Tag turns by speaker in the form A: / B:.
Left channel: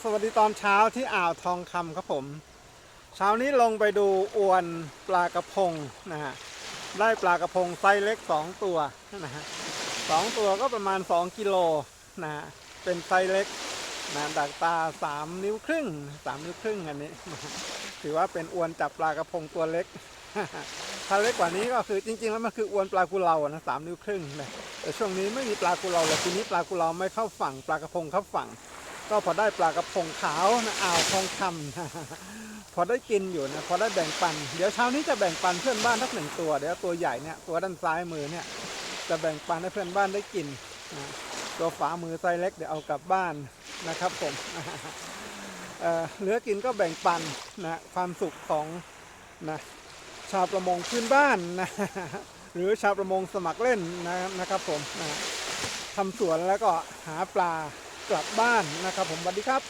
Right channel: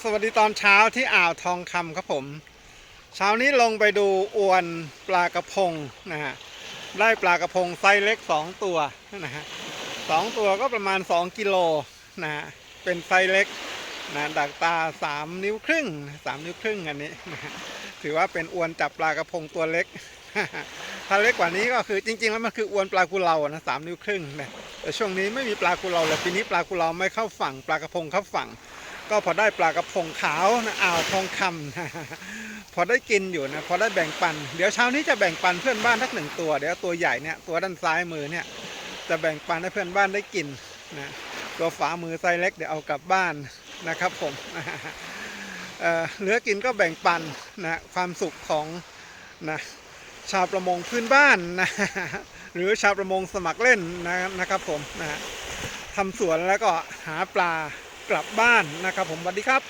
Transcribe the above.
A: สวัสดีตอนเช้าที่อ่าวทองคำครับผม เช้านี้ลงไปดูอวนปลากระพงนะฮะได้ปลากระพงไซส์เล็ก 2 ตัวนะฮะสองตัวก็ประมาณ 2 กิโลนะฮะเป็นไซส์เล็กนะดักตา 3 นิ้วครึ่ง 3 นิ้วครึ่งอันนี้นะถือว่าเป็นอวนจับปลากระพงตัวเล็ก ถ้าเล็กกว่านี้ก็คือจริงๆแล้วมันคืออวนปลากุเลานะสามนิ้วครึ่งนะแต่ช่วงนี้ไม่มีปลากุเลาเลยทีนี้ปลากุเลาไม่เข้าฝั่ง ปลากระพงเข้าฝั่ง ก็พอได้ปลากระพงขาวนะอ่าวทองคำพอได้กินอยู่นะพอได้แบ่งปัน เดี๋ยวเช้านี้จะแบ่งปันเพื่อนบ้านทักหนึ่งตัวเดี๋ยวตัวใหญ่เนี่ยตัวด้านซ้ายมือเนี่ยจะแบ่งปันให้เพื่อนบ้านได้กินนะตัวฝามือไซส์เล็กเดี๋ยวเอากลับบ้านนะครับผมเเหลือกินก็แบ่งปันนะความสุขของนะชาวประมงพื้นบ้านนะหรือชาวประมงสมัครเล่นนะนะครับผมนะทำสวนแล้วก็หาปลา กลับบ้านนะครับผมสวัสดีครับ